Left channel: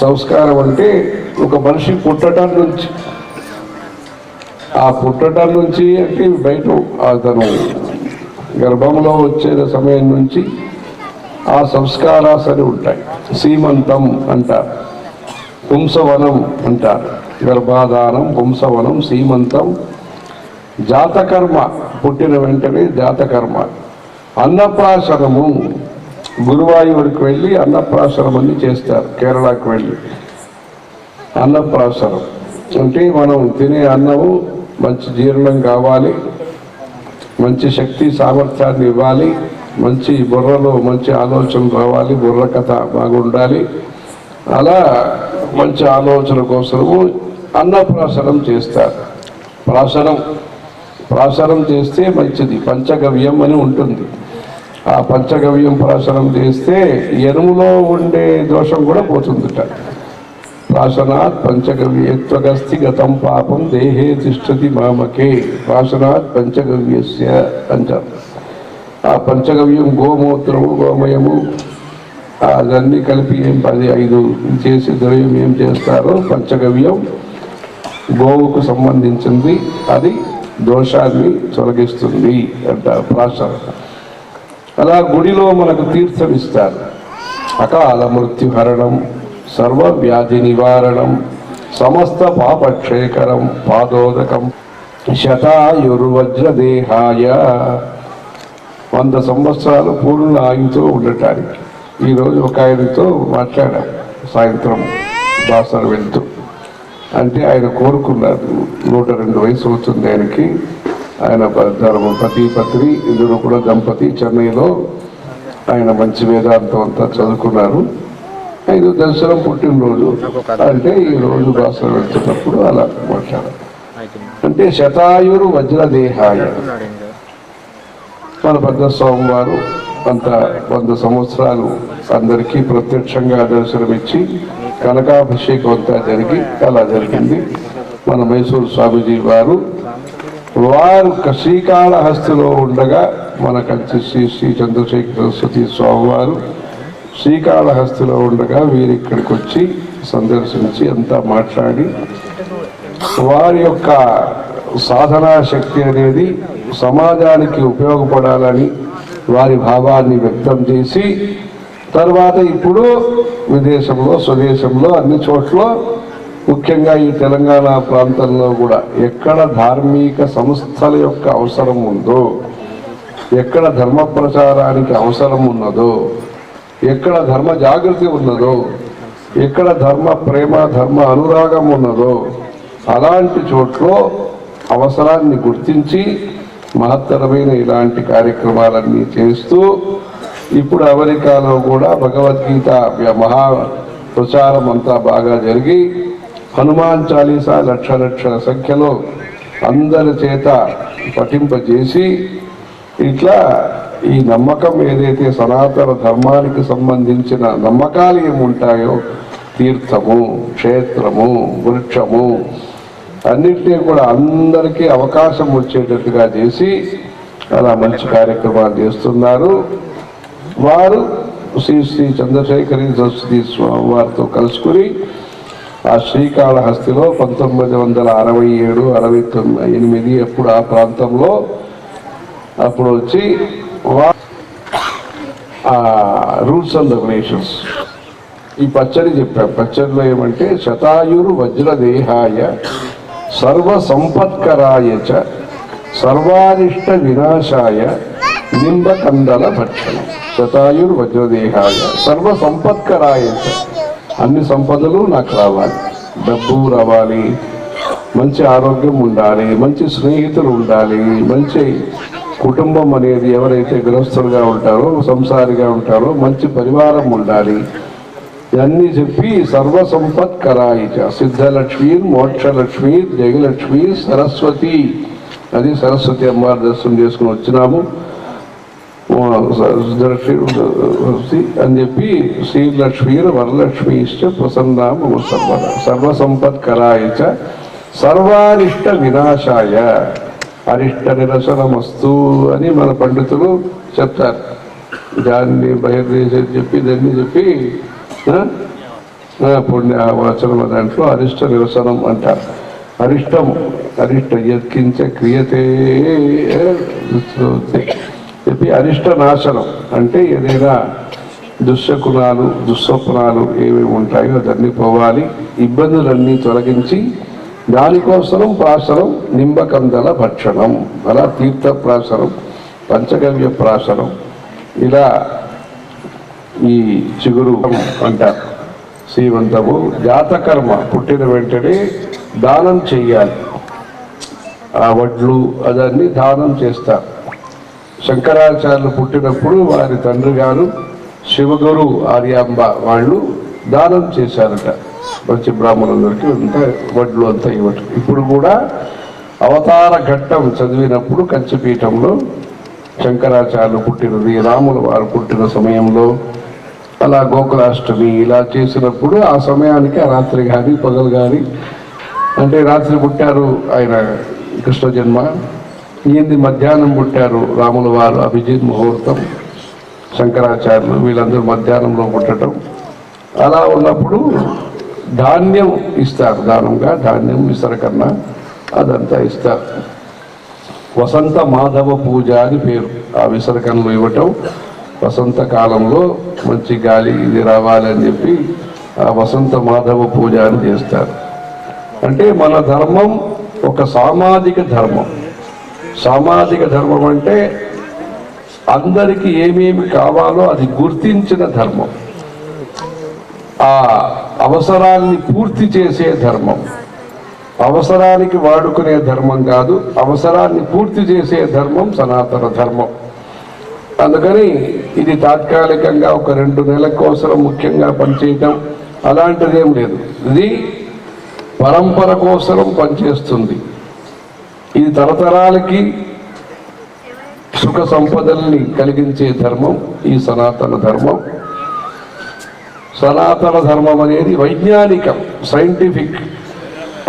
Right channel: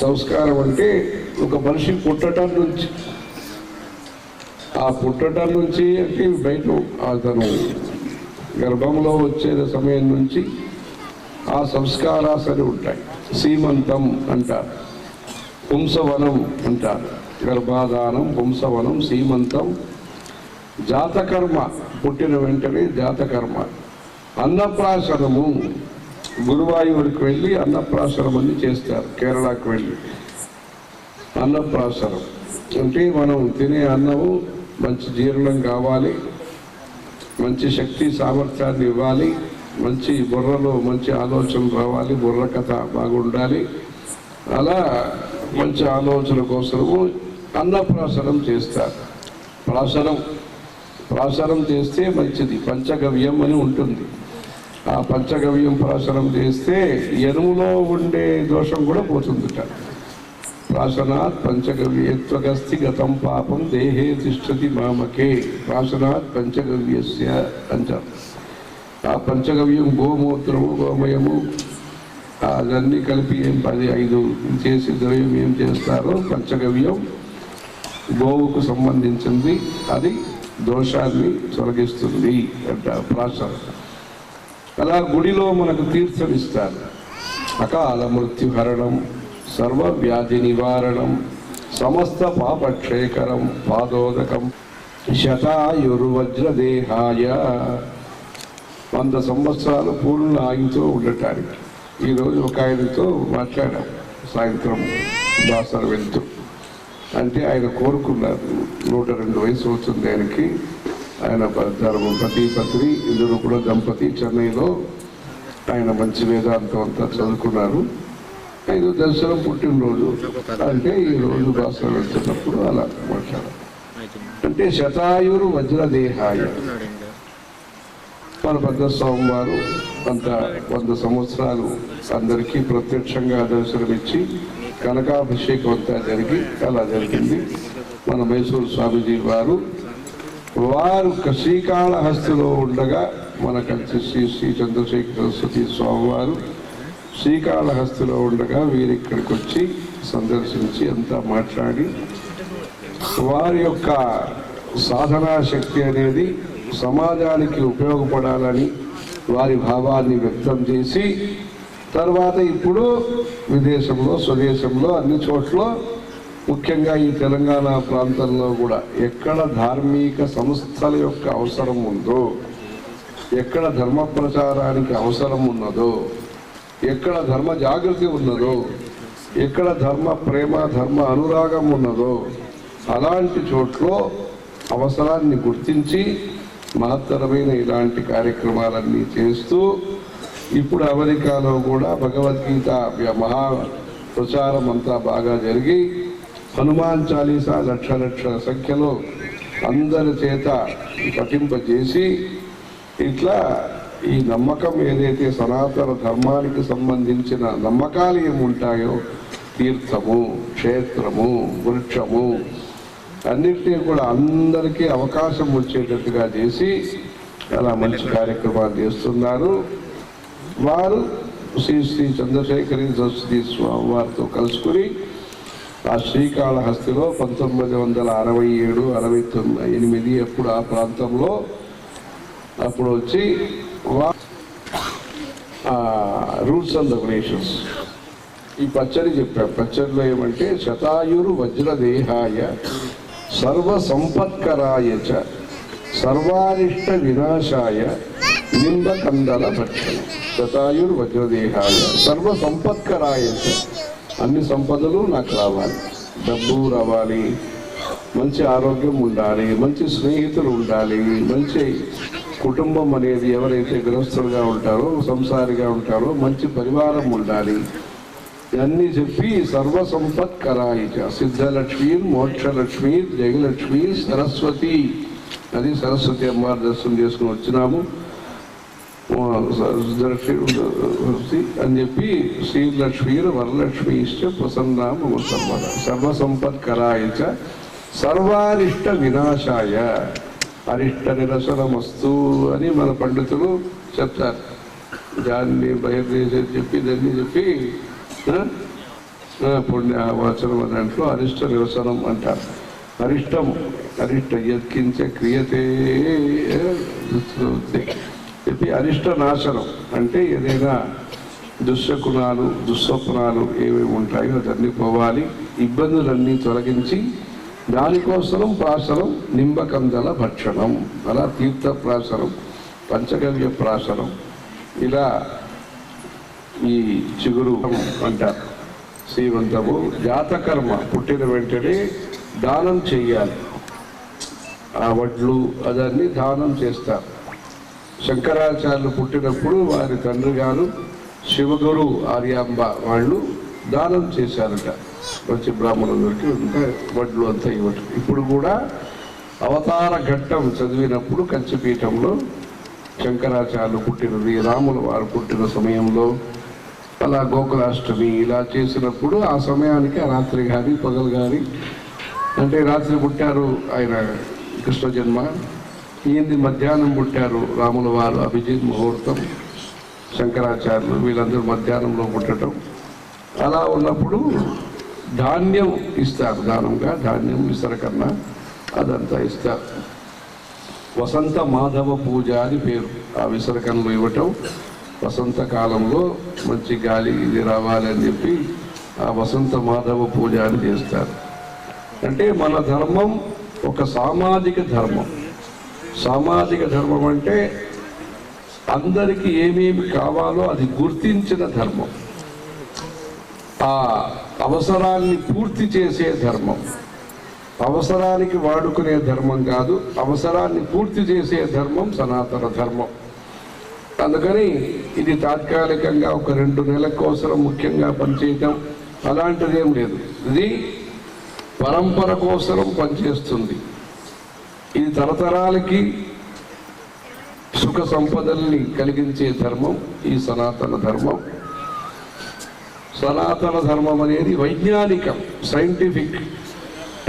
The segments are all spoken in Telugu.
సంస్కారం అంటే ఒక మనిషి పుట్టడం నుంచి. ఆ పుట్టడం నుంచి అంటే బయట అతను గర్భంలో వచ్చే సమయం నుంచి ఆ సంస్కారాస్ అని ఉంటాయి. సీమంతం అంటారు. పుంసవనం అంటారు. గర్భాధానం పుంసవనం సీమంతం. జాతకర్మ పుట్టిన వెంటనే జాతకర్మ. అన్నప్రాసనము గురువాయూరుకు వెళ్ళి అన్నప్రాసనం అని చేస్తారు కేరళకు వెళ్ళి. అన్నప్రాసనం. అంటే మనం తినే అన్నము మంచి జీర్ణం కావాలి మంచి శక్తి సామర్థ్యాన్ని ఇవ్వాలి మంచి బుర్రలో మంచి ఆలోచన రావాలి బుర్ర కథ బాగుండాలి. అలా మంచి ఆలోచన కోసము అన్నప్రాసనం చేస్తారు. ప్రాసనం. ప్రాసనం చేస్తే మంచిది పంచగవ్యం అని ఉంటుంది. ఆ పంచగవ్యం ప్రాసనం చేస్తే ఎనుములో ఉండే దోషం కూడా పోతుందిట. ప్రాసనాత్ పంచగవ్యత్వగస్తి గతం పాపం దేహే తిష్టతి మామకే. ప్రాసనాత్ పంచగవ్యస్య అంటారు ఆ పంచగవ్యం గోమూత్రము గోమయము అవన్నీ కలిపి ఏం పది ఐదు చేసి ద్రవ్యం ఏం చేస్తారో పంచగవ్యం గోవుకు సంబంధించింది. అది దోషాన్ని తొలగిస్తుంది అంటారు ప్రాసన. అలా గుడిలో మనకు తీర్థమిస్తారు. అకాల మృత్యుహరణం సర్వ వ్యాధి నివారణం సమస్త పాపక్షేకరం పాదోదకం శతాయుర్వజ్రదేహాయ. వంద సంవత్సరాలు పూర్ణ ఆయుతో ఉండటానికి. ఈరోజు ఒక ఆయనతో మాట్లాడా సాయంత్రం దాసర్ వెళ్తూ. అంటే ఆయన కోరుకున్నారు నూట రెండు వయసు అవుతుంది ఆయనకి. ఆయన ధర్మ పతి పత్ని ఇద్దరు కూడా దంపతి చెన్నైలో ఆయన మంచి వేదాంతం అంతా చదువుకున్నారు. ఐదు దసరా పుట్టినరోజు. అంటే ఈ రోజు భాషలు వెళ్తున్నప్పుడు అలా మాట్లాడారు. అంటే శతాయురు వజ్రదేహాయ. మన పద్మస్వామి స్వామివారు అంత వంద సంవత్సరాలు అందరికీ ప్రత్యక్షంగా దర్శనమిచ్చి కనకాభిషేకం అంతా జరిగి అలా జరిగింది. మన మైసూరు స్వామీజీ వారు వారు శ్రీకాళహస్తిలో ఉండగా మన కలిసి శ్రీ శ్రీ చంద్రశేఖర సరస్వతి స్వామివారు శ్రీకాళహస్తిలో ఉండగా వీరు ఇక్కడికి వచ్చి సందర్శించి అంతా మాట్లాడి వారి యొక్క సాధనా శక్తి అనేది సమాజానికి ఉపయోగపడాలని వారి భావాన్ని వ్యక్తం చేసి తర్వాత ఇప్పుడు విదేశంలో స్వదేశంలో అన్ని చోట్ల ముఖ్యంగా ఈ తెలంగాణ ప్రాంతంలో కూడా ఎక్కడ ధార్మిక సంస్థల యొక్క అవసరం ఉందో ఎక్కడ ధర్మ ప్రచారానికి అవసరం ఉన్నదో ఎక్కడ ధర్మ జాగృతి ఉన్నదో ఎక్కడ ధర్మ ప్రేమ ధర్మ అనురాగం ఉన్నదో అలాంటి చోట్ల అవసరాన్ని గుర్తించి మహత్తరమైన ఇలాంటి కార్యక్రమాలన్నీ చేస్తూ ఇప్పుడు అమెరికాలో కూడా భగవద్గీత మహా ప్రచారం అంతా బాగా జరిగి హనుమాన్ చాలీసా లక్ష లక్షల సంఖ్యలో అందరి చేత పఠింపజేసి ఇట్లా ఈ నమ్మకం ఏదైతే సనాతన ధర్మానికి సంబంధించిన నమ్మకాలు ఏముంటాయో తీర్థము క్షేత్రము వృక్షము అన్నింటినీ కూడా అందరికీ అవకాశం వచ్చేటట్టుగా చేసి అలా మంచి కార్యక్రమాలు చేస్తున్నారు. వారు శ్రీ శ్రీ చంద్రశేఖరి సరస్వతి స్వామి వారితో కలుసుకుని ఆ శ్రీకాళహస్తిలో పంతొమ్మిది వందల అరవై ఏడు అరవై తొమ్మిది ఎనిమిది ఎప్పుడు ఆ ప్రాంతంలో అప్పుడు వచ్చి రూల్స్ అండ్ రెగ్యులేషన్స్. ఈ పచ్చడి చెప్పాం. పచ్చడిలో ఏమంటే శతాయురు వజ్రదేహాయ సర్వ సంపత్కరాయ చ సర్వారిష్ట వినాశాయ నింబకందల భక్షణం. శతాయుర్ వజ్రదేహాయ సర్వ సంపత్కరాయ చ అన్ని సంపదలు నాకు రావాలి. డబ్బు రావాలి. మంచి ఆరోగ్యం ఉండాలి. మంచి స్నేహితులు ఉండాలి. మంచి కుటుంబం అనేది ఎవరైతే గృహస్థులుగా ఉంటారో సంసారిగా ఉంటారో మంచి పరివారం ఉండాలి. ఇవన్నీ చెప్పి సర్వ సంపత్ కరాయిచ సిద్ధలక్ష్మి మోక్షలక్ష్మి జయలక్ష్మి సరస్వతి. అది సరస్వతి అమ్మవారి దర్శనం చేసుకుని వచ్చినాము. సిద్ధలక్ష్మి అని చెప్పి శ్రీలక్ష్మీ వరలక్ష్మీ ఇష్ట ప్రసన్నామ సర్వద సర్వసంపత్కరాయ సర్వారిష్ట వినాశాయ అరిష్ట నిరసనమస్తు అని మన పండితులు చెప్తారు దాన్ని బహిర్దేశం చెప్పి దాన్ని చెప్పి పుణ్య వచనం దాంట్లో అరిష్ట నిరసనం అంటారు అరిష్టం అరిష్ట యత్కించ క్రియతే ఇది అరిష్ట నాశనం అంటే ఏదైనా దుశ్శకునాలు దుస్వప్నాలు ఏమేమి ఉంటాయో అదన్నీ పోవాలి. ఇబ్బందులన్నీ తొలగించి దానికోసం ప్రాసనం నింబకందల భక్షణం. అలా తీర్థ ప్రాసనం పంచగవ్య ప్రాసనం ఇలా ఈ చిగురు అంటారు. శ్రీమంతము జాతకర్మ పుట్టిన వెంటనే దానం చెయ్యాలి. ఆ వడ్లు అదన్నీ దానం చేస్తారు. శంకరాచార్యులు పుట్టినప్పుడు వారి తండ్రి గారు శివగురు ఆర్యాంబ వాళ్ళు దానం చేశారట. మంచి బ్రాహ్మణులందరికీ అంతా వడ్లు అంతా ఇవ్వటం. ఇప్పుడు కూడా అవతార ఘట్టం చదివినప్పుడు కంచిపీఠంలో శంకరాచార్యులు పుట్టినది రాముల వారు పుట్టిన సమయంలో అలా గోకులాష్టమి ఇలా చేసినప్పుడు ఆ సమయానికి ఆ రాత్రి కానీ పగలు కానీ అంటే రాత్రి పుట్టారు ఆయన కృష్ణ జన్మ. ఈయన్ని మధ్యాహ్నం పుట్టారు రాముల వారు అభిజిత్ ముహూర్తం శంకరాచార్యులు వీళ్ళందరూ మధ్యాహ్నంలో పుట్టడం అలా ఉన్నప్పుడు ధాన్యం ఇస్తారు దానంగా ధాన్యం విసరకన్నా అదంతా ఇస్తారు. వసంత మాధవ పూజ అని పేరు ఆ విసర్కనలు ఇవ్వటం. వసంత కాలంలో మంచి గాలి ఇది రావాలని చెప్పి ఆ వసంత మాధవ పూజ అని చేస్తారు. అంటే మన ధర్మం ఒక సామాజిక ధర్మం. సామాజిక ధర్మం అంటే అందరికీ ఏమేమి కావాలో అది గుర్తించిన ధర్మం. ఆ అవసరాన్ని పూర్తి చేసే ధర్మం. అవసరానికి వాడుకునే ధర్మం కాదు అవసరాన్ని పూర్తి చేసే ధర్మం సనాతన ధర్మం. అందుకని ఇది తాత్కాలికంగా ఒక రెండు నెలల కోసం ముఖ్యంగా పనిచేయటం అలాంటిదేం లేదు. ఇది పరంపర కోసం పనిచేస్తుంది. ఇది తరతరాలకి సుఖ సంపదల్ని కలిగించే ధర్మం ఈ సనాతన ధర్మం. సనాతన ధర్మం అనేది వైజ్ఞానికం సైంటిఫిక్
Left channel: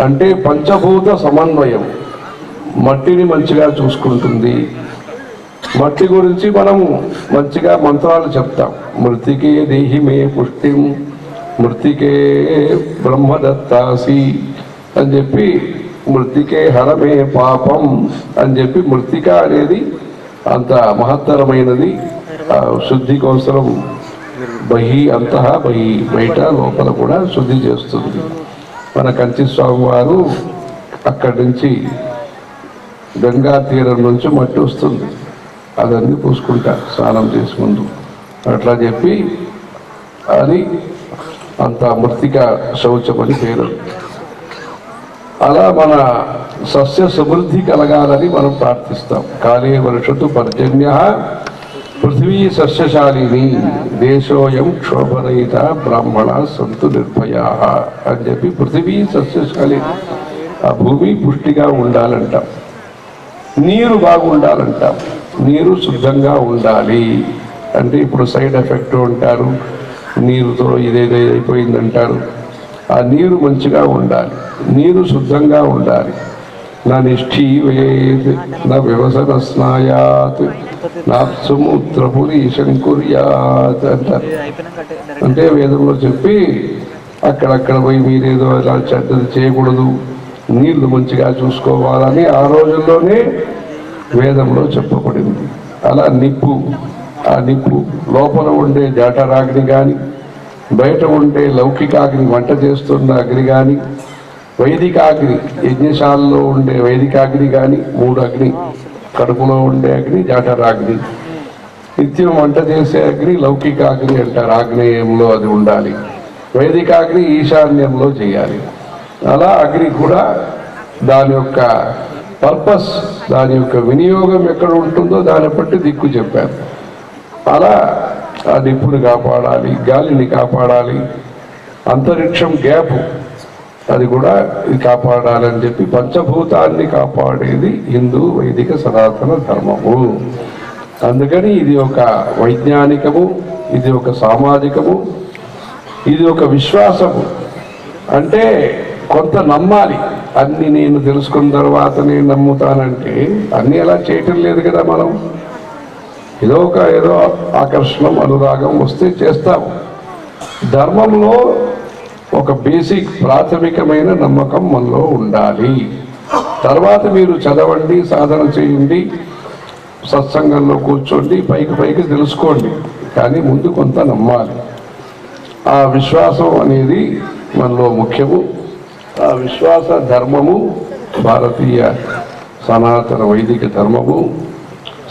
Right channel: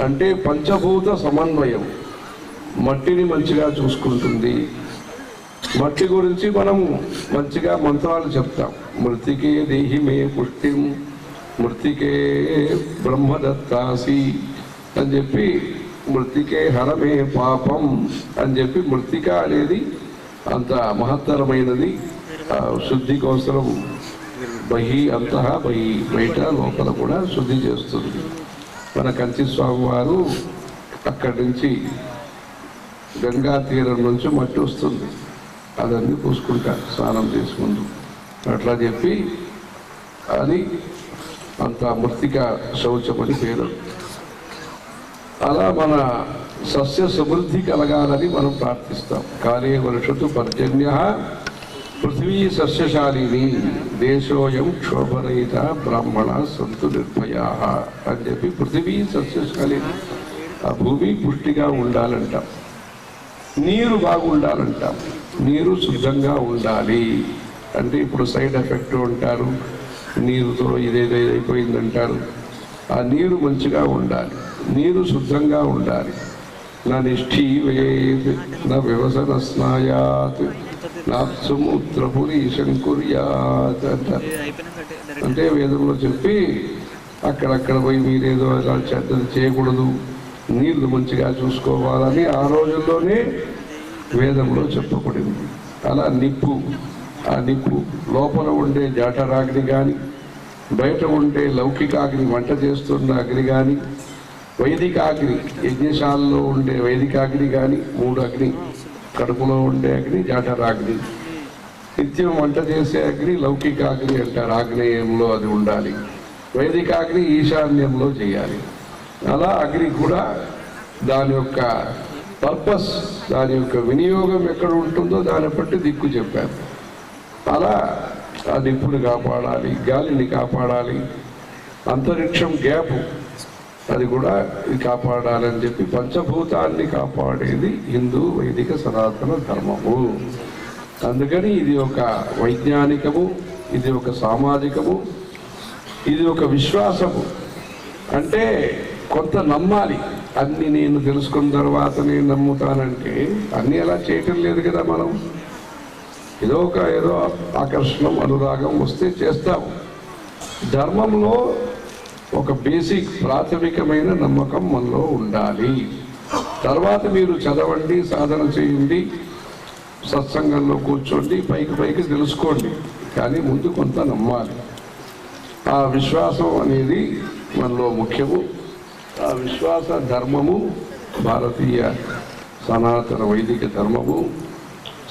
అంటే పంచభూత సమన్వయం. మట్టిని మంచిగా చూసుకుంటుంది. మట్టి గురించి మనము మంచిగా మంత్రాలు చెప్తాం. మృతికే దేహి మే పుష్టిం మృతికే బ్రహ్మదత్తాసి అని చెప్పి మృతికే హరమే పాపం అని చెప్పి మృతిక అనేది అంత మహత్తరమైనది. శుద్ధి కోసం బహి అంతః బహి బయట లోపల కూడా శుద్ధి చేస్తుంది. మన కంచి స్వామి వారు అక్కడి నుంచి గంగా తీరం నుంచి మట్టి వస్తుంది. అదన్నీ పూసుకుంటారు స్నానం చేసి అట్లా చెప్పి అది అంత మృతిక శౌచం అని పేరు అలా మన సస్య సమృద్ధి కలగాలని మనం ప్రార్థిస్తాం. కాళే వర్షతు పర్జన్య పృథ్వీ సస్యశాలిని దేశోయం క్షోభరహిత బ్రాహ్మణ సంతు నిర్భయా అని చెప్పి పృథివీ సస్యశాలి ఆ భూమి పుష్టిగా ఉండాలంటాం. నీరు బాగుండాలంటాం. నీరు శుద్ధంగా ఉండాలి అంటే ఇప్పుడు సైడ్ ఎఫెక్ట్ అంటారు నీరుతో ఇదేదో అయిపోయిందంటారు. ఆ నీరు మంచిగా ఉండాలి. నీరు శుద్ధంగా ఉండాలి. నా నిష్ఠీవేత్ నా వ్యవసన స్నాయాత్ నా సముద్రపురి శంకుర్యాత్ అంటారు అంటే వేదంలో చెప్పి అక్కడక్కడ పోయి మీరేదో అలా చెడ్డది చేయకూడదు. నీళ్ళు మంచిగా చూసుకోవాలని ఆ రోజుల్లోనే వేదంలో చెప్పబడింది. అలా నిప్పు ఆ నిప్పు లోపల ఉండే జాటరాగ్ని కానీ బయట ఉండే లౌకికాగ్ని వంట చేస్తున్న అగ్ని కానీ వైదికాగ్ని యజ్ఞశాలలో ఉండే వైదికాగ్ని కానీ మూడు అగ్ని కడుపులో ఉండే అగ్ని జాఠరాగ్ని నిత్యం వంట చేసే అగ్ని లౌకికాగ్ని అంటారు. ఆగ్నేయంలో అది ఉండాలి. వైదికాగ్ని ఈశాన్యంలో చేయాలి. అలా అగ్ని కూడా దాని యొక్క పర్పస్ దాని యొక్క వినియోగం ఎక్కడ ఉంటుందో దాన్ని బట్టి దిక్కు చెప్పారు. అలా ఆ నిప్పుని కాపాడాలి గాలిని కాపాడాలి. అంతరిక్షం గ్యాప్ అది కూడా కాపాడాలని చెప్పి పంచభూతాన్ని కాపాడేది హిందూ వైదిక సనాతన ధర్మము. అందుకని ఇది ఒక వైజ్ఞానికము ఇది ఒక సామాజికము ఇది ఒక విశ్వాసము. అంటే కొంత నమ్మాలి. అన్ని నేను తెలుసుకున్న తర్వాత నేను నమ్ముతానంటే అన్నీ ఎలా చేయటం లేదు కదా మనం. ఏదో ఒక ఏదో ఆకర్షణం అనురాగం వస్తే చేస్తాము. ధర్మంలో ఒక బేసిక్ ప్రాథమికమైన నమ్మకం మనలో ఉండాలి. తర్వాత మీరు చదవండి సాధన చేయండి సత్సంగంలో కూర్చోండి పైకి పైకి తెలుసుకోండి. కానీ ముందు కొంత నమ్మాలి. ఆ విశ్వాసం అనేది మనలో ముఖ్యము. ఆ విశ్వాస ధర్మము భారతీయ సనాతన వైదిక ధర్మము.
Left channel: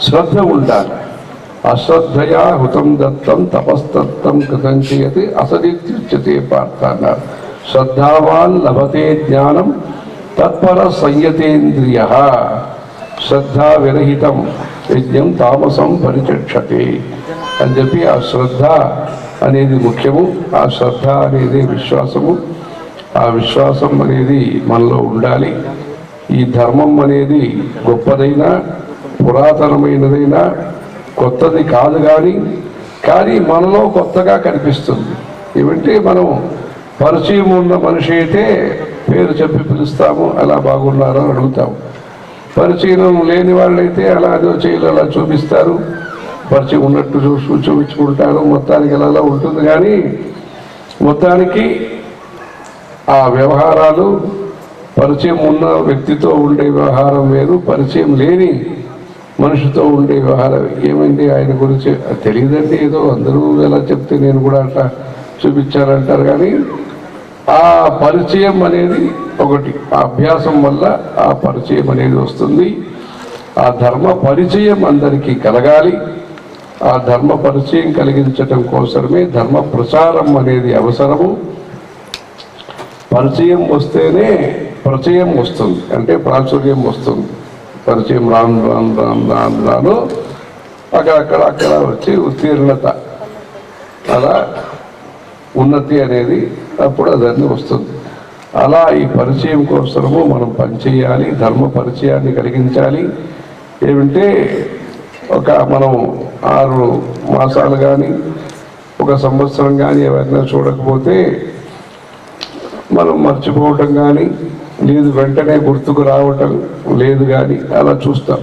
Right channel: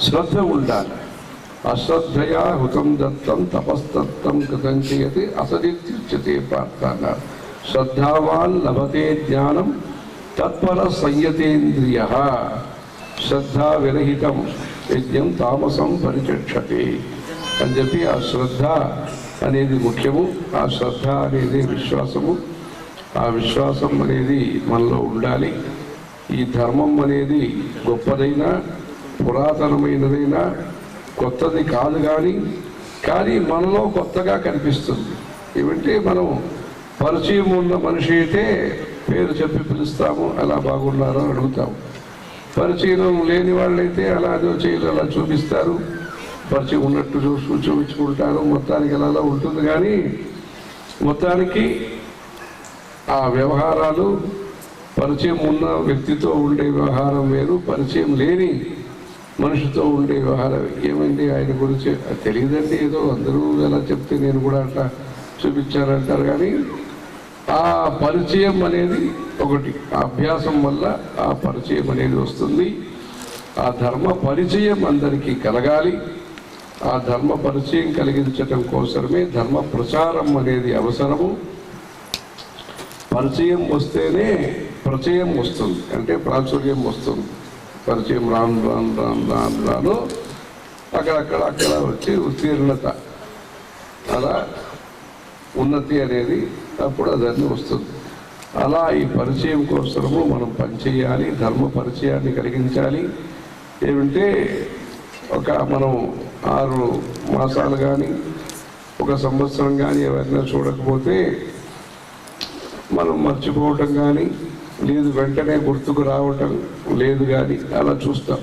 శ్రద్ధ ఉండాలి. అశ్రద్ధయా హుతం దత్తం తపస్తత్వం కృతం చేయతి అసదిత్యుచ్యతే పార్థ అన్నారు శ్రద్ధావాన్ లభతే జ్ఞానం తత్పర సంయతేంద్రియ. శ్రద్ధా విరహితం యజ్ఞం తామసం పరిచక్షతే. అని చెప్పి ఆ శ్రద్ధ అనేది ముఖ్యము ఆ శ్రద్ధ అనేది విశ్వాసము. ఆ విశ్వాసం అనేది మనలో ఉండాలి. ఈ ధర్మం అనేది గొప్పదైనా పురాతనమైనదైనా కొత్తది కాదు కానీ కానీ మనలో కొత్తగా కనిపిస్తుంది. ఏమంటే మనం పరిచయం ఉన్న మనిషి అయితే పేరు చెప్పి పిలుస్తాము అలా బాగున్నారో అడుగుతాము. పరిచయం లేని వాళ్ళైతే అలా అదో చేయలు అలా చూపిస్తారు. పరిచయం ఉన్నట్టు చూసి చూపించుకుంటారు. మొత్తానికి అలా ఉంటుంది కానీ మొత్తానికి ఆ వ్యవహారాలు పరిచయం ఉన్న వ్యక్తితో ఉండే వ్యవహారం వేరు పరిచయం లేని మనిషితో ఉండే వ్యవహారం ఏమైంది ఆయన గురించి అది తెలియదండి ఏదో. అందరూ ఎలా చెప్తే నేను కూడా అట్లా చూపించారంటారు కానీ ఆ పరిచయం అనేది ఒకటి. అభ్యాసం వల్ల ఆ పరిచయం అనేది వస్తుంది. ఆ ధర్మ పరిచయం అందరికీ కలగాలి. ఆ ధర్మ పరిచయం కలిగించటం కోసమే ధర్మ ప్రచారం అనేది అవసరము. పరిచయం వస్తేనే ప్రచయం వస్తుంది. అంటే ప్రాచుర్యం వస్తుంది. పరిచయం రాను రాను రాను రాను రాను అక్కడక్కడ అక్కడ వచ్చి ఉత్తీర్ణత. అలా ఉన్నతి అనేది అప్పుడు అదన్నీ వస్తుంది. అలా ఈ పరిచయం కోసము మనం పనిచేయాలి ధర్మ పరిచయాన్ని కలిగించాలి. ఏమంటే ఒక మనం ఆరు మాసాలు కానీ ఒక సంవత్సరం కానీ ఎవరైనా చూడకపోతే మనం మర్చిపోవటం కానీ లేదు వెంటనే గుర్తుకు రావటం లేదు కానీ అలా చూస్తాం.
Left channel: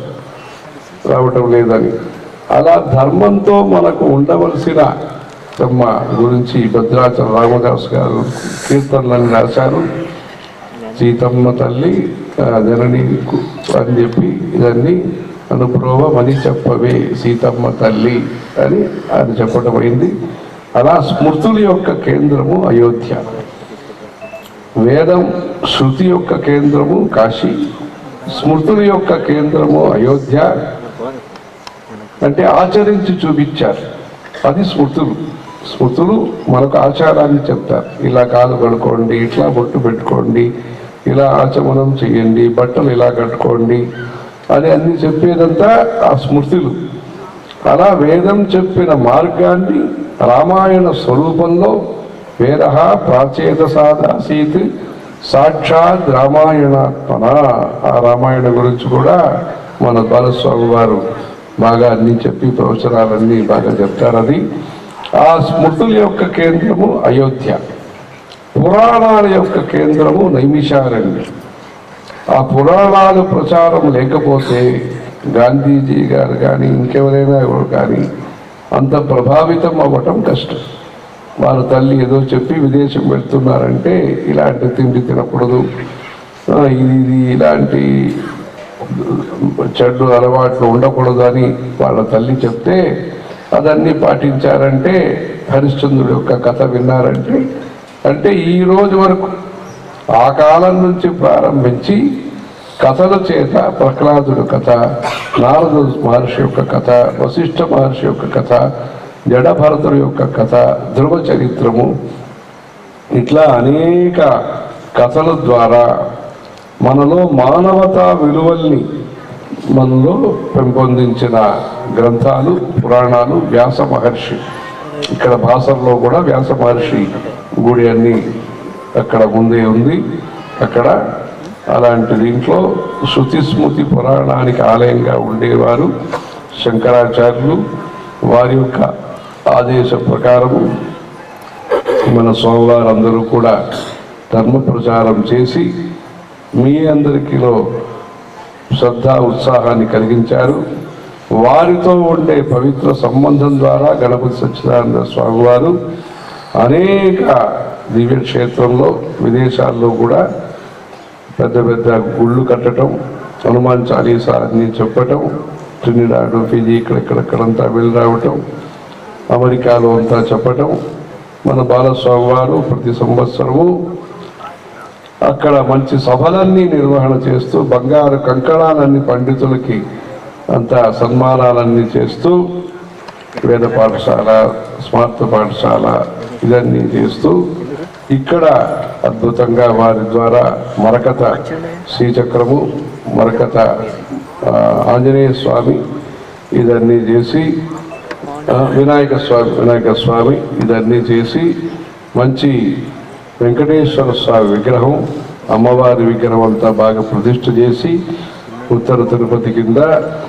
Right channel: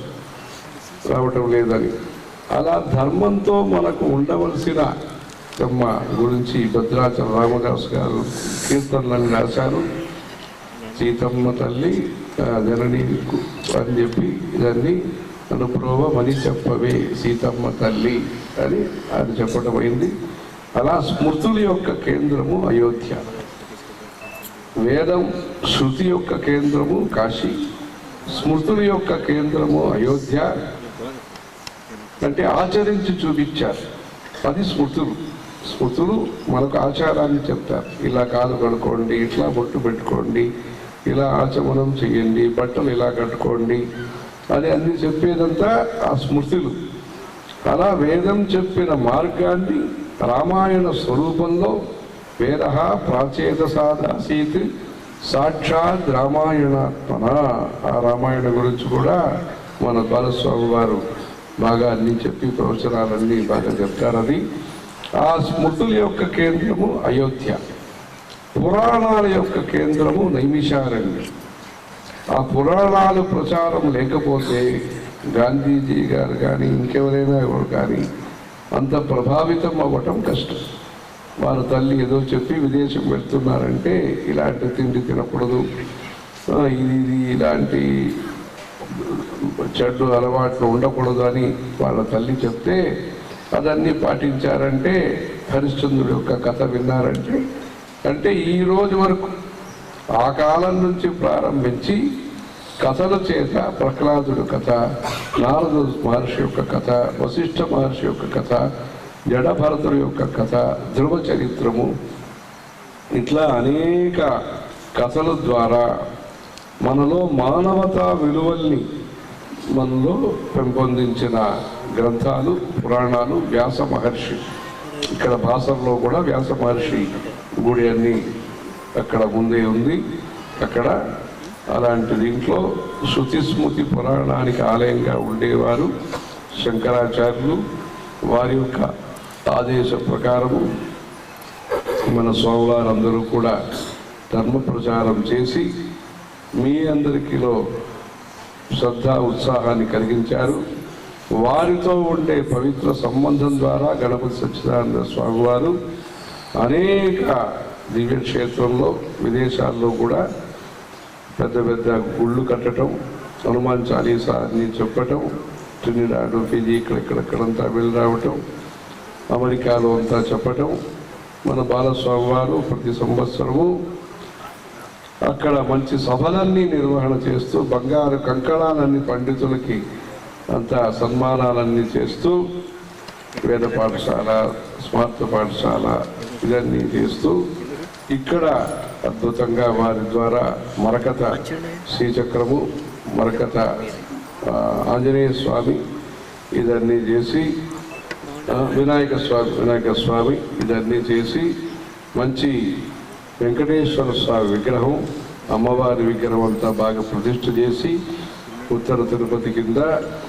రావటం లేదని. అలా ధర్మంతో మనకు ఉండవలసిన తమ గురించి భద్రాచల రామదాస్ గారు కీర్తనలను రాశారు. సీతమ్మ తల్లి జనని అని చెప్పి ఇదన్నీ అనుప్రోవమని చెప్పవే సీతమ్మ తల్లి అని ఆయన చెప్పడం అయింది. అలా స్మృతుల యొక్క కేంద్రము అయోధ్య. వేదం శృతి యొక్క కేంద్రము కాశీ స్మృతుల యొక్క కేంద్రము అయోధ్య. అంటే ఆచరించి చూపించారు. అది స్మృతులు. స్మృతులు మనకు ఆచారాన్ని చెప్తారు. ఇలా కాలు కడుకోండి ఇట్లా బొట్టు పెట్టుకోండి ఇలా ఆచమనం చేయండి బట్టలు ఇలా కట్టుకోండి అని అన్ని చెప్పేదంతా ఆ స్మృతులు. అలా వేదం చెప్పిన మార్గాన్ని రామాయణ స్వరూపంలో వేద ప్రాచేత సాదాసీత్ సాక్షాత్ రామాయణాత్మన? ఆ రామాయణ గురించి కూడా మన బాలస్వామి వారు బాగా అన్ని చెప్పి ప్రవచనాలన్నీ బాగా చెప్తారని ఆ స్మృతుల యొక్క కేంద్రము అయోధ్య. పురాణాల యొక్క కేంద్రము నైమిషారణ్యం. ఆ పురాణాలు ప్రచారం లేకపోతే గాంధీజీ గారు కానీ ఇంకెవరైనా ఎవరు కానీ అంత ప్రభావితం అవ్వటం కష్టం. వారి తల్లి ఏదో చెప్పి విదేశం పెడుతున్నారంటే ఇలాంటి తిండి తినకూడదు. ఇది ఇది ఇలాంటి చెడ్డు అలవాట్లు ఉండకూడదు అని వాళ్ళ తల్లి చెప్తే అదన్నీ పాటించారంటే హరిశ్చంద్రుడు యొక్క కథ విన్నారంటే అంటే ఈ రోజు వరకు ఆ కాలం నుంచి ప్రారంభించి కథల చేత ప్రహ్లాదుడు కథ నారదు మహర్షి యొక్క కథ వశిష్ఠ మహర్షి యొక్క కథ జడభరతుడు యొక్క కథ ధ్రువ చరిత్రము. ఇట్లా అనేక కథల ద్వారా మనలో మానవతా విలువల్ని మనలో పెంపొందించిన గ్రంథాలు పురాణాలు వ్యాస మహర్షి. ఇక్కడ భాషల్లో కూడా వ్యాస మహర్షి గుడి అన్ని అక్కడ ముందే ఉంది. అక్కడ అలాంటి దీంట్లో శృతి స్మృతి పురాణానికి ఆలయంగా ఉండేవారు శంకరాచార్యులు. వారి యొక్క ఆదేశ ప్రకారం మన స్వామివారందరూ కూడా ధర్మ ప్రచారం చేసి మీ అందరికీలో శ్రద్ధ ఉత్సాహాన్ని కలిగించారు. వారితో ఉండే పవిత్ర సంబంధం ద్వారా గణపతి సత్యనారాయణ స్వామివారు అనేక దివ్య క్షేత్రంలో విదేశాల్లో కూడా పెద్ద పెద్ద గుళ్ళు కట్టడం హనుమాన్ చాలీసా అన్ని చెప్పటం ట్రినిడాడు ఫిజీ ఇక్కడెక్కడెక్కడంతా వెళ్ళి రావటం అమెరికాలో అంతా చెప్పటం మన బాలస్వామి వారు ప్రతి సంవత్సరము అక్కడ మంచి సభలన్నీ నిర్వహణ చేస్తూ బంగారు కంకణాలన్నీ పండితులకి అంత సన్మానాలన్నీ చేస్తూ వేద పాఠశాల స్మార్త పాఠశాల ఇదన్నీ చేస్తూ ఇక్కడ అద్భుతంగా వారి ద్వారా మరకత శ్రీచక్రము మరకత ఆంజనేయ స్వామి ఇదన్నీ చేసి వినాయక స్వామి వినాయక స్వామి ఇదన్నీ చేసి మంచి వెంకటేశ్వర స్వామి విగ్రహం అమ్మవారి విగ్రహం అంతా బాగా ప్రతిష్ఠ చేసి ఉత్తర తిరుపతి కింద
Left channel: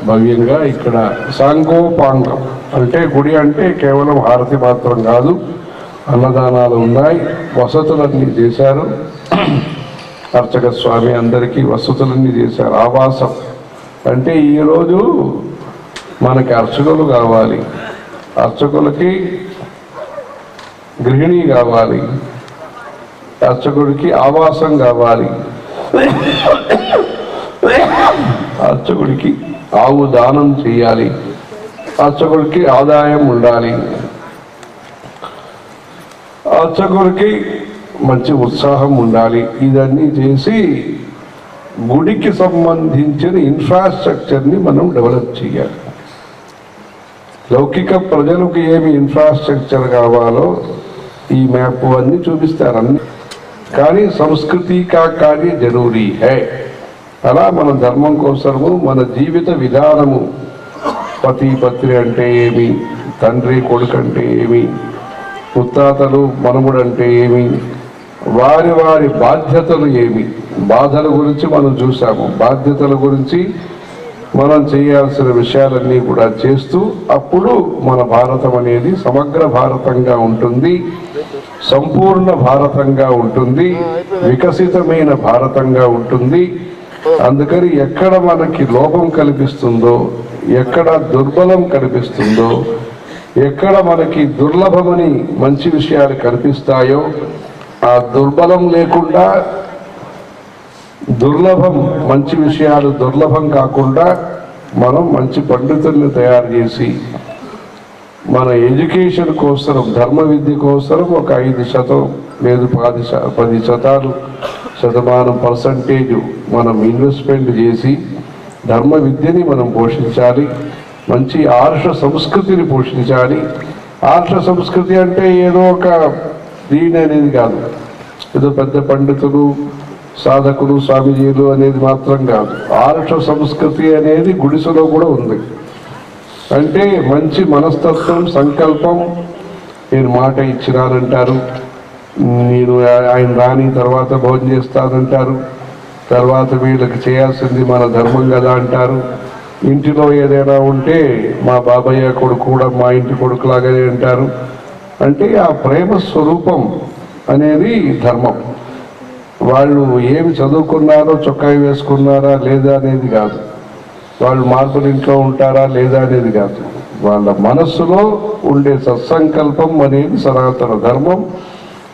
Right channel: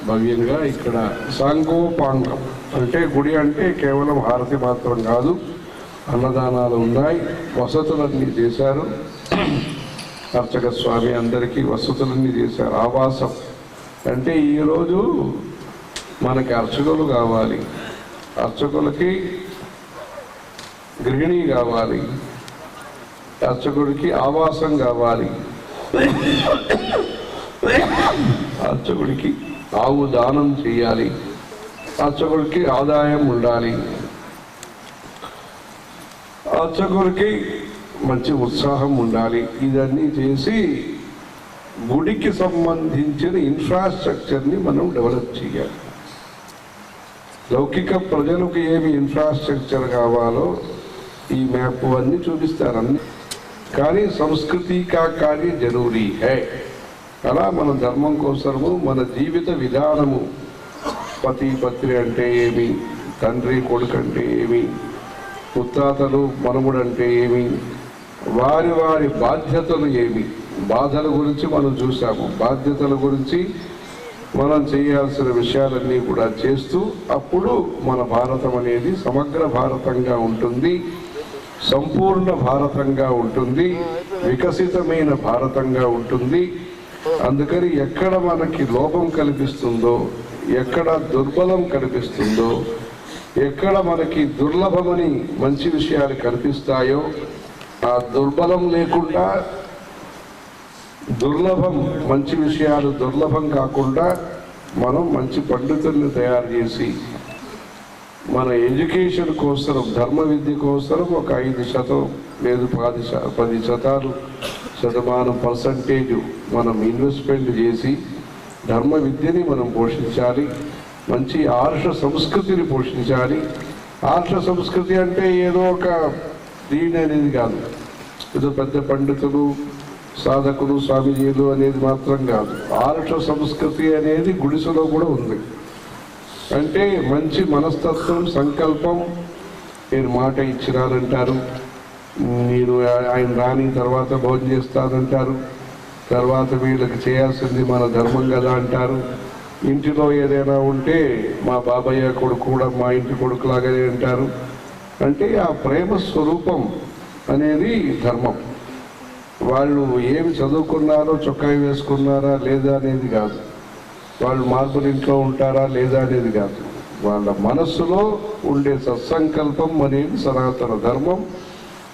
భవ్యంగా ఇక్కడ సాంగోపాంగం అంటే గుడి అంటే కేవలం హారతి మాత్రం కాదు అన్నదానాలు ఉన్నాయి వసతులన్నీ చేశారు. అర్చక స్వామి అందరికీ వసతులన్నీ చేశారు. ఆవాసం. అంటే ఈరోజు మనకి అర్చకులు కావాలి. అర్చకులకి గృహిణి కావాలి. అర్చకుడికి ఆవాసం కావాలి. అర్చకుడికి ఆవు దానం చేయాలి. అర్చకుడికి ఆదాయం ఉండాలి. అర్చకుడికి మంచి ఉత్సాహం ఉండాలి. ఇదన్నీ చేసి గుడికి సంబంధించిన ఇన్ఫ్రాస్ట్రక్చర్ని మనం డెవలప్ చేయాలి. లౌకిక ప్రజలకు ఏమి ఇన్ఫ్రాస్ట్రక్చర్ కావాలో ఈ మ్యాప్ అన్ని చూపిస్తారు అన్ని. కానీ సంస్కృతి కా కార్య జరూరీ హై. అలా మన ధర్మం కోసము మన జీవిత విధానము. పతి పత్రి అంటే ఏమి? తండ్రి కొడుకు అంటే ఏమి? ముత్తాతలు మనముడు అంటే ఏమి? వారి వారి బాధ్యతలు ఏమి? బాధల గురించి మనం చూసాము బాధ్యతల గురించి మనం చేయాల్సిన విషయాలన్నీ కూడా చేస్తూ అప్పుడు మన భారతం అనేది సమగ్ర భారతంగా ఉంటుంది సంపూర్ణ భారతంగా ఉంటుంది వికసితమైన భారతంగా ఉంటుంది. అందుకని ఎక్కడ మనకి లోపం కల్పిస్తుందో ఎక్కడ దుర్బలం కనిపిస్తుందో ఎక్కడ మనకి దుర్లభమని మంచి విషయాలు కనిపిస్తాయో ఆ దుర్బలం లేకుండా దుర్లభం మంచి విషయాలు దుర్లభం కాకుండా మనం మంచి పండితుల్ని తయారు చేసి మన ఎడ్యుకేషన్ కోసం ధర్మ విద్య కోసం ఒక ఐదు శాతం లేదు పది పది శాతాలు శతమానం పర్సంటేజ్ మనం ఇన్వెస్ట్మెంట్ చేసి ధర్మ విద్యని మనం పోషించాలి మంచి ఆర్ష సంస్కృతిని పోషించాలి. ఆర్ష సంస్కృతి అంటే ఏదో ఒక దీని అనేది కాదు. ఏదో పెద్ద పండితులు సాధకులు స్వామీజీలు అనేది మాత్రం కాదు. ఆరుష సంస్కృతి అనేది గుడిసెలో కూడా ఉంది. అంటే మంచి మనస్తత్వం సంకల్పం నేను మాట ఇచ్చినానంటారు. నేను ఆయన రాని తర్వాత భోజనం చేస్తానంటారు. తర్వాత వీళ్ళకి చేయాల్సింది మన ధర్మం కదా అంటారు. ఇంటిలో ఏదైనా ఉంటే మా బాబయ్య కొడుకు కూడా మా ఇంటి కొడుకులాగానే అంటారు. అంటే ఆ ప్రేమ స్వరూపం అనేది ధర్మం. వాళ్ళు ఏమి చదువుకున్నారో చొక్కాయి వేసుకున్నారా లేదా అనేది కాదు. వాళ్ళు మార్పులు ఇంట్లో ఉంటారా లేదా అనేది కాదు. వాళ్ళ మనస్సులో ఉండే సత్సంకల్పం అనేది సనాతన ధర్మం.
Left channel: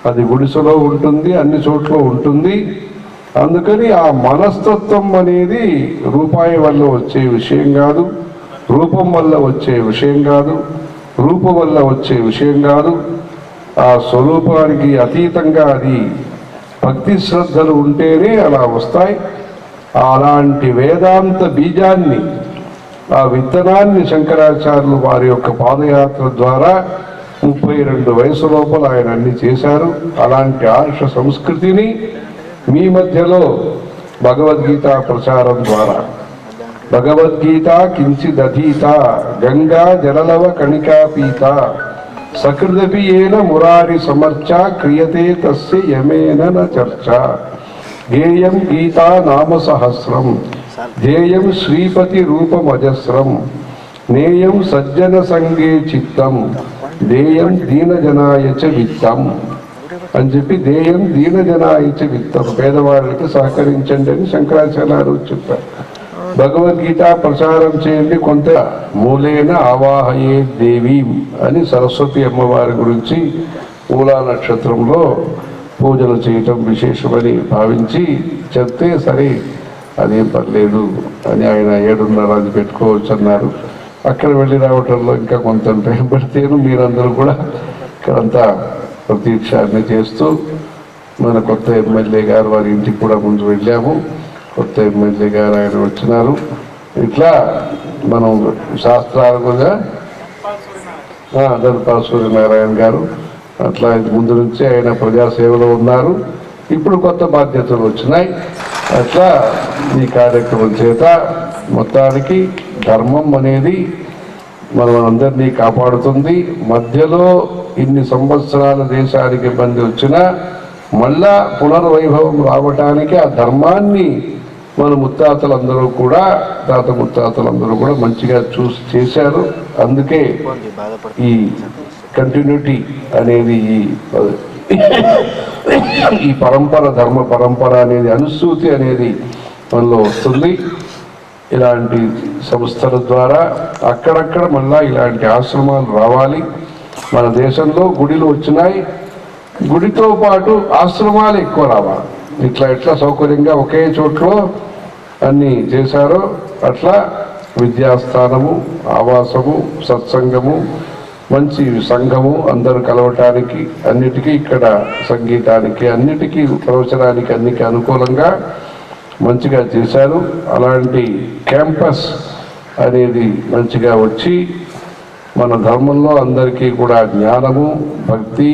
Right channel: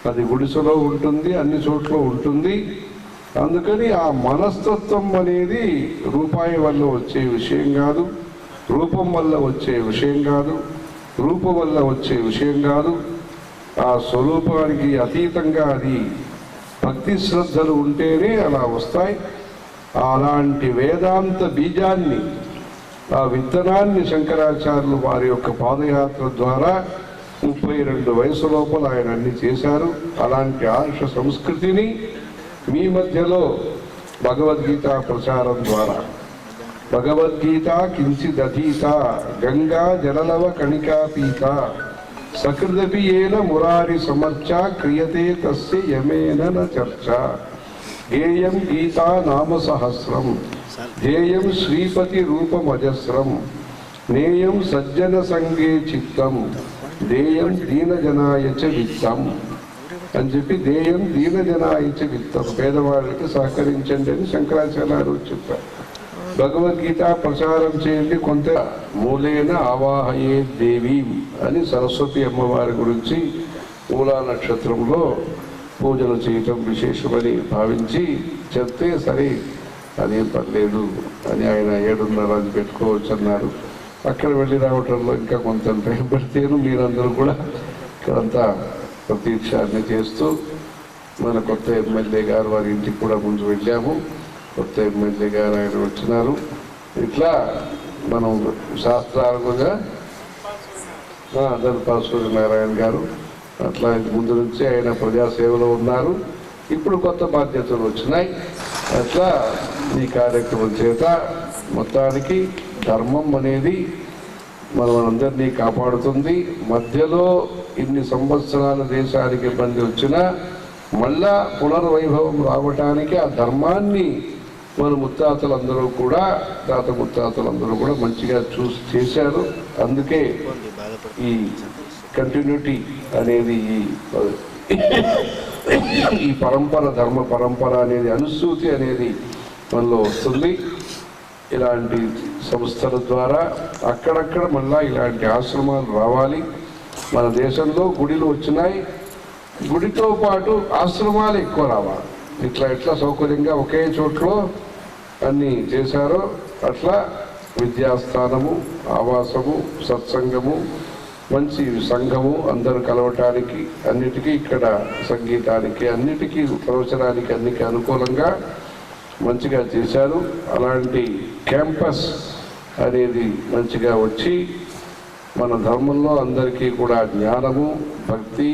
అది గుడిసెలో ఉంటుంది అన్ని చోట్ల ఉంటుంది. అందుకని ఆ మనస్తత్వం అనేది రూపాయి వల్ల వచ్చే విషయం కాదు రూపం వల్ల వచ్చే విషయం కాదు రూపం వల్ల వచ్చే విషయం కాదు. ఆ స్వరూపానికి అతీతంగా అది భక్తి శ్రద్ధలు ఉంటేనే అలా వస్తాయి. అలాంటి వేదాంత బీజాన్ని ఆ విత్తనాన్ని శంకరాచార్యులు వారి యొక్క పాదయాత్ర ద్వారా ముప్పై రెండు వయసు లోపల ఆయన అన్ని చేశారు. అలాంటి ఆర్ష సంస్కృతిని మీ మధ్యలో భగవద్గీత ప్రచారం ద్వారా. భగవద్గీత కించిదధీత గంగా జలలవ కణికాపీత. సకృదపి ఏన మురారి సమర్చ క్రియతే తస్య యమేన న చర్చ. గేయం గీతా నామ సహస్రం. ధ్యేయం శ్రీపతి రూపమజస్రం. నేయం సజ్జన సంగే చిత్తం. దేయం దీనజనాయ విత్తం. అని చెప్పి దేయం దీనజనాయ విత్తం. పేదవాళ్ళకి సహకరించండి అని శంకరాచార్యులు చెప్పారు. భగవద్గీత ప్రచారం చేయండి కొంత మూలేన ఆవాహయే దేవి అని సరస్వతి అమ్మవారి గురించి మూలా నక్షత్రంలో పూజలు చేయటం విశేషమని భావించి చెప్తే సరే అదేం పర్లేదు అని ఆయన ఏడున్నర అది పెట్టుకోవచ్చు అన్నారు. అక్కడ వెళ్ళి రావటంలో ఇంకా కొంత టైం పడితేను మీరందరూ కూడా ఇక్కడంతా ప్రతీక్ష అన్ని చేస్తూ మన కొత్త ఎమ్మెల్యే గారు వారి ఇంటికి కూడా ముందు వెళ్ళాము. కొత్త ఎమ్మెల్యే గారు ఆయన వచ్చినారు. ఇట్లా మనం శాస్త్రాలు కూడా సూర్యనారాయణ గారు అట్లా ముందు నుంచి ఆయన ప్రజాసేవలో ఉన్నారు. ఇప్పుడు కొత్త బాధ్యతలు వచ్చినాయి. అట్లా ఈ కార్యక్రమం చేత మొత్తానికి ధర్మం అనేది మనం అందరినీ కాపాడుతుంది. మధ్యలో ఇన్ని సంవత్సరాల దేశానికి ఇబ్బంది వచ్చినా మళ్ళా పునర్వైభవం రావటానికి ఆ ధర్మాన్ని మన ముత్తాతలందరూ కూడా తాత ముత్తాతలందరూ కూడా మంచిగా చూసి చేశారు. అందుకే ఈ కంటిన్యూటీ అనేది ఈ పరంపర ధర్మ పరంపర అనేది అనుసూతి అనేది మనలో వస్తుంది. ఇలాంటి సంస్థల ద్వారా అక్కడక్కడ మళ్ళా ఇలాంటి ఆశ్రమాలు రావాలి. మన దేశంలో గుడిలు వచ్చినాయి. గుడితో పాటు ఆశ్రమాలు ఎక్కువ రావాలి. ఇట్లా ఎట్లా సౌకర్యంగా ఒకే చోట్లో అన్ని చేశారో అట్లా విద్యాస్థానము ఆవాసము సత్సంగము మంచి సంఘము అందరూ కలవటానికి అన్నిటికీ ఇక్కడ సంగీతానికి అన్నిటికీ ప్రవచనానికి అన్నికి అనుకూలంగా మంచిగా చేశారు. అలాంటి క్యాంపస్ అనేది మంచిగా వచ్చి మన ధర్మంలో అందరికీ కూడా జ్ఞానము భక్తి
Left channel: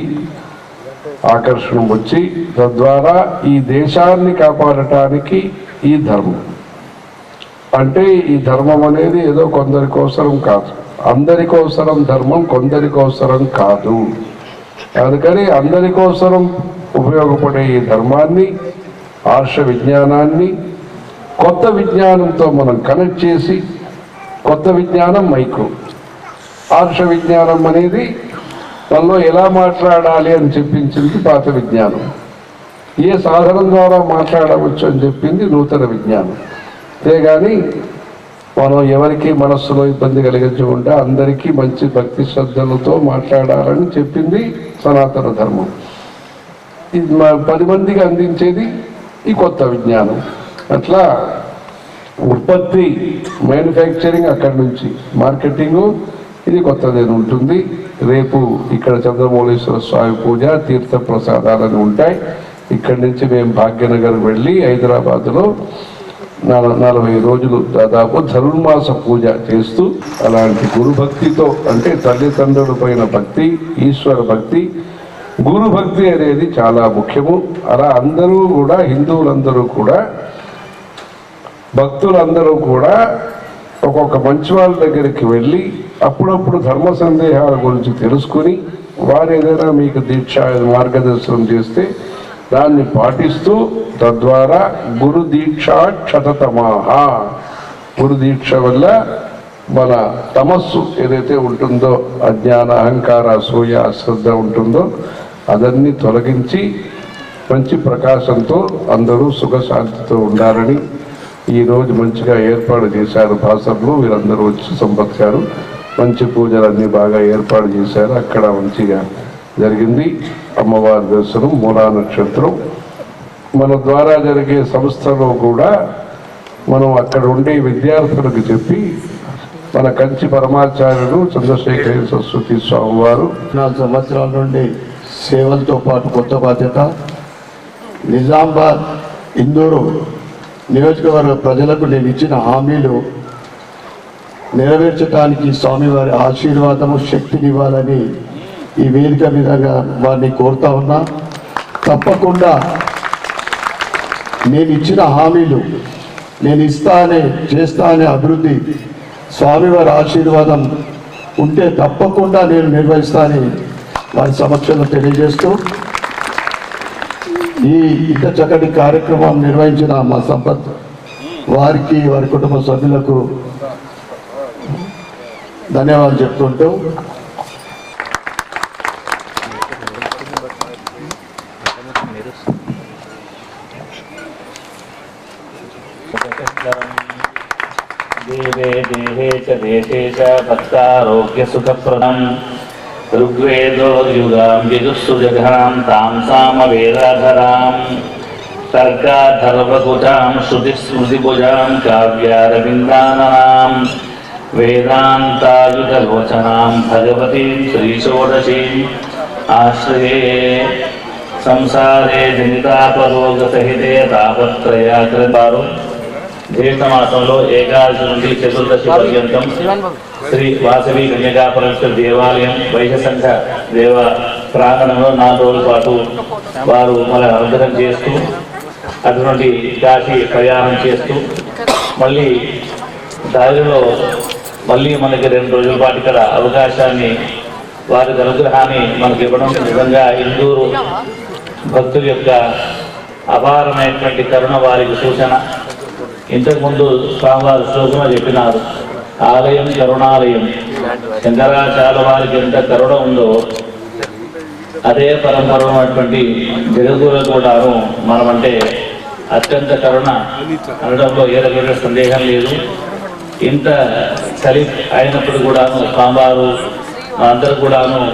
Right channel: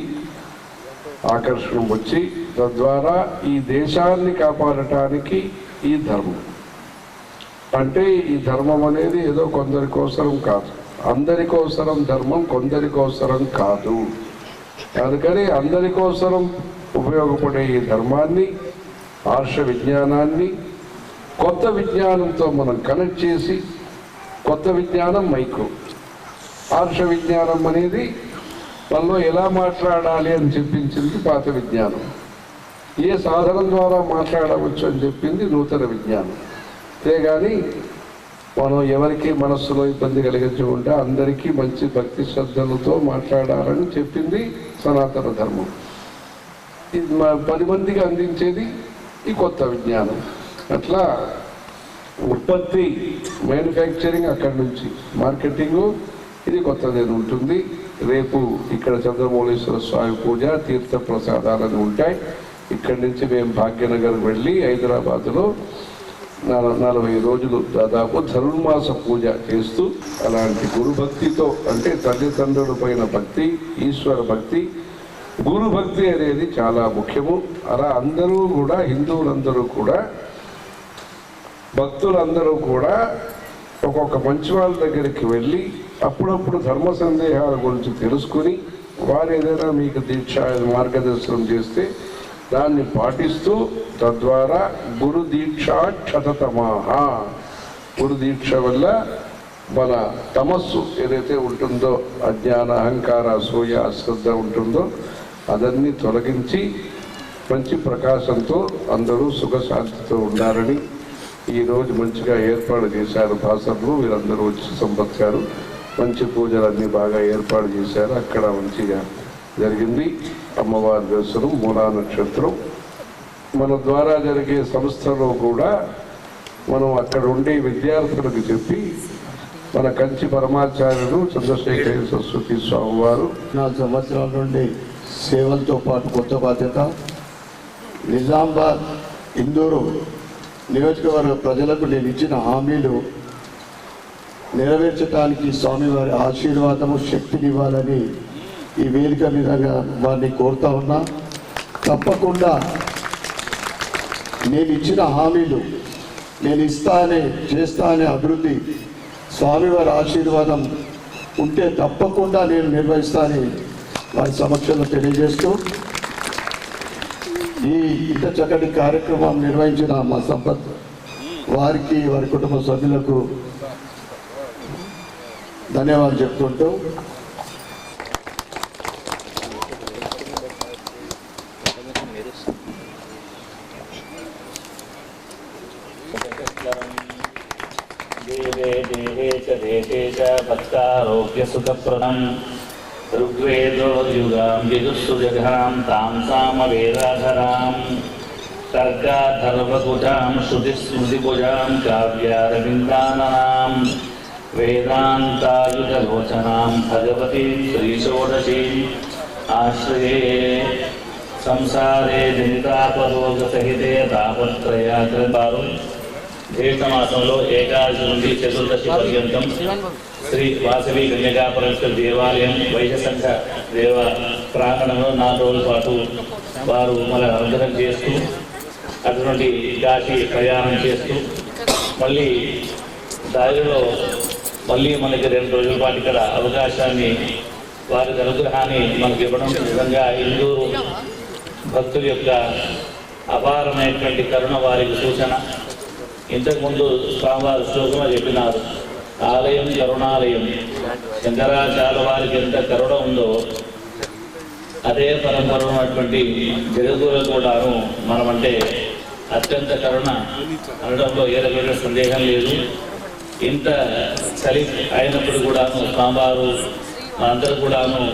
ఆకర్షణ వచ్చి తద్వారా ఈ దేశాన్ని కాపాడటానికి ఈ ధర్మం. అంటే ఈ ధర్మం అనేది ఏదో కొందరి కోసరం కాదు. అందరి కోసరం ధర్మం కొందరి కోసరం కాదు. అందుకని అందరి కోసరం ఉపయోగపడే ఈ ధర్మాన్ని ఆర్ష విజ్ఞానాన్ని కొత్త విజ్ఞానంతో మనం కనెక్ట్ చేసి కొత్త విజ్ఞానం మైక్రో ఆర్ష విజ్ఞానం అనేది మనలో ఎలా మాట్లాడాలి అని చెప్పించింది పాత విజ్ఞానం. ఏ సాధనం ద్వారా మాట్లాడవచ్చు అని చెప్పింది నూతన విజ్ఞానం. అంతేగాని మనం ఎవరికి మనస్సులో ఇబ్బంది కలిగించకుండా అందరికీ మంచి భక్తి శ్రద్ధలతో మాట్లాడాలని చెప్పింది సనాతన ధర్మం. ఇది మా పది మందికి అందించేది ఈ కొత్త విజ్ఞానం. అట్లా ఉత్పత్తి మ్యానుఫ్యాక్చరింగ్ అక్కడి నుంచి మార్కెటింగ్ ఇది కొత్తది ఉంటుంది. రేపు ఇక్కడ చంద్రమౌళేశ్వర స్వామి పూజ తీర్థ ప్రసాదాలని ఉంటాయి. ఇక్కడి నుంచి మేము భాగ్యనగర్ వెళ్ళి హైదరాబాద్లో నలభై రోజులు దాదాపు ధనుర్మాస పూజ చేస్తూ అలాంటి గురు భక్తితో అంటే తల్లిదండ్రుల పైన భక్తి ఈశ్వర భక్తి గురు భక్తి అనేది చాలా ముఖ్యము. అలా అందరూ కూడా హిందువులందరూ కూడా భక్తులందరూ కూడా ఒక్కొక్క మంచి వాళ్ళ దగ్గరికి వెళ్ళి అప్పుడప్పుడు ధర్మ సందేహాల గురించి తెలుసుకుని వారు ఏదైనా మీకు దీక్ష మార్గదర్శనం చేస్తే దాన్ని పాటిస్తూ తద్వారా గురు దీక్ష గురు దీక్ష వల్ల మన తమస్సు ఏదైతే ఉంటుందో అజ్ఞాన అహంకార అసూయ అశ్రద్ధ ఉంటుందో అదన్నీ తొలగించి మంచి ప్రకాశంతో అందరూ సుఖశాంతితో ఉండాలని ఈరోజు మంచిగా ఏర్పాటు చేశారు భాసర్లు వీరందరూ వచ్చి సంపత్కారు మంచి పూజలన్నీ బాగా ఏర్పాటు చేశారు. అక్కడ మంచిగా జరిగింది. అమ్మవారి దర్శనం మూలా నక్షత్రం. మన ద్వారా జరిగే సంస్థలో కూడా మనం అక్కడ ఉండే విద్యార్థులకు చెప్పి మన కంచి పరమాచార్యుడు చంద్రశేఖర సరస్వతి స్వామి వారు నాలుగు సంవత్సరాల నుండి సేవలతో పాటు కొత్త బాధ్యత. నిజామాబాద్ ఇందూరు నియోజకవర్గ ప్రజలకు నేను ఇచ్చిన హామీలు నెరవేర్చడానికి స్వామివారి ఆశీర్వాదము శక్తినివ్వాలని ఈ వేదిక విధంగా వారిని కోరుతా ఉన్నా తప్పకుండా నేను ఇచ్చిన హామీలు నేను ఇస్తానే చేస్తానే అభివృద్ధి స్వామివారి ఆశీర్వాదం ఉంటే తప్పకుండా నేను నిర్వహిస్తానని వారి సమక్షంలో తెలియజేస్తూ ఈ ఇంత చక్కటి కార్యక్రమం నిర్వహించిన మా సంపత్ వారికి వారి కుటుంబ సభ్యులకు ధన్యవాదాలు చెప్తుంటూ देशेश भक्तारोग्यसुखप्रदम् ऋग्वेदोद्युगां यजुस्सुजघां तां सामवेदाधरां तर्काधर्वकुटां श्रुतिस्मृतिभुजां काव्यारविन्दाननां वेदान्तायुधलोचनां भगवतीं श्रीषोडशीम्। आश्रये संसारे जनितापरोगसहिते तापत्रया कृतारु ఆశ్రయే మాసంలో ఏకాదశి నుండి చతుర్దశి పర్యంతం శ్రీ వాసవి కన్యకాపరమేశ్వర దేవాలయం వైశసంఘ దేవ ప్రాంగణంలో నాలుగు రోజుల పాటు వారు మన అనుగ్రహం చేస్తూ అటువంటి కాశీ ప్రయాణం చేస్తూ మళ్ళీ దారిలో మళ్ళీ మనకి రెండు రోజుల పాటు ఇక్కడ అవకాశాన్ని వారి అనుగ్రహాన్ని మనకి ఇవ్వడం నిజంగా ఇందూరు భక్తుల యొక్క అపారమైనటువంటి కరుణ వారికి సూచన. ఇంతకుముందు స్వామివారు శ్లోకంలో చెప్పినారు. ఆలయం కరుణాలయం. చంద్రాచార్య వారికి ఎంత కరుణ ఉందో అదే పరంపర ఉన్నటువంటి జగద్గురు కూడాను మనమంటే అత్యంత కరుణ. అనడంలో ఏ రకమైన సందేహం లేదు. ఇంత చలి అయినప్పుడు కూడాను స్వామివారు అందరూ కూడాను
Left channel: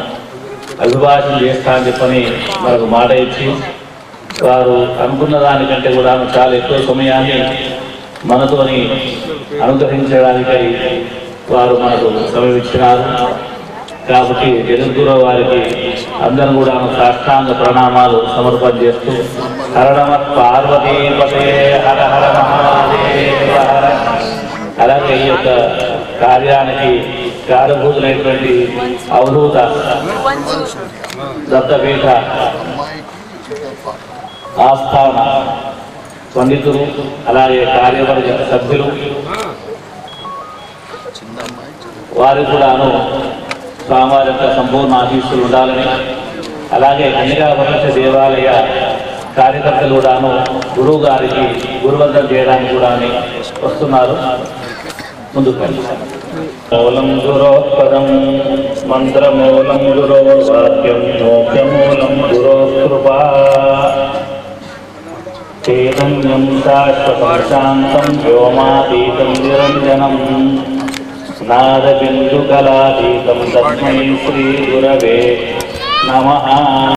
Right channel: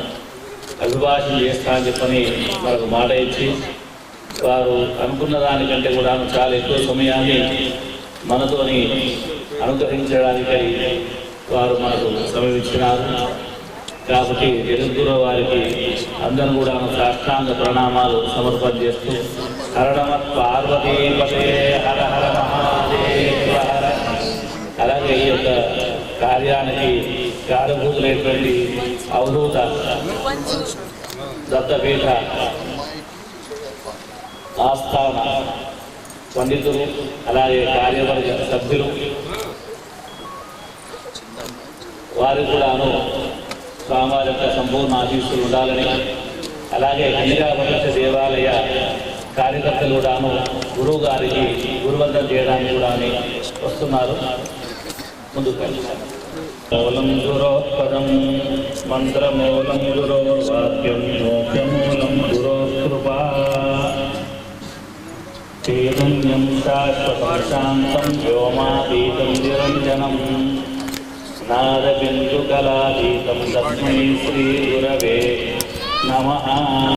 అభిభాషణ చేస్తా అని చెప్పని మనకు మాట ఇచ్చి వారు అనుకున్న దానికంటే కూడా చాలా ఎక్కువ సమయాన్ని మనతోని అనుగ్రహించడానికై వారు మనకు సమయం ఇచ్చినారు కాబట్టి జగద్గురు వారికి అందరూ కూడా సాష్టాంగ ప్రణామాలు సమర్పణ చేస్తూ హరణమ పార్వతీపతే హర హర మహాదేవ హర. అలాగే ఈ యొక్క కార్యానికి కారభూతులైనటువంటి అవధూత దత్తపీఠ ఆస్థాన పండితులు అలాగే కార్యవర్గ సభ్యులు. వారు కూడాను స్వామివారి యొక్క సంపూర్ణ ఆశీస్సులు ఉండాలని అలాగే కన్యకాపరమేశ్వర దేవాలయ కార్యకర్తలు కూడాను గురువు గారికి గురువందం చేయడానికి కూడా వస్తున్నారు. ముందుకు మూలం గురోత్పదం మంత్రమూలం గురోర్వాక్యం మోక్షమూలం గురో కృపా చైతన్యం శాశ్వతం శాంతం వ్యోమాతీతం నిరంజనం నాదబిందుకలాతీతం తస్మై శ్రీ గురవే నమః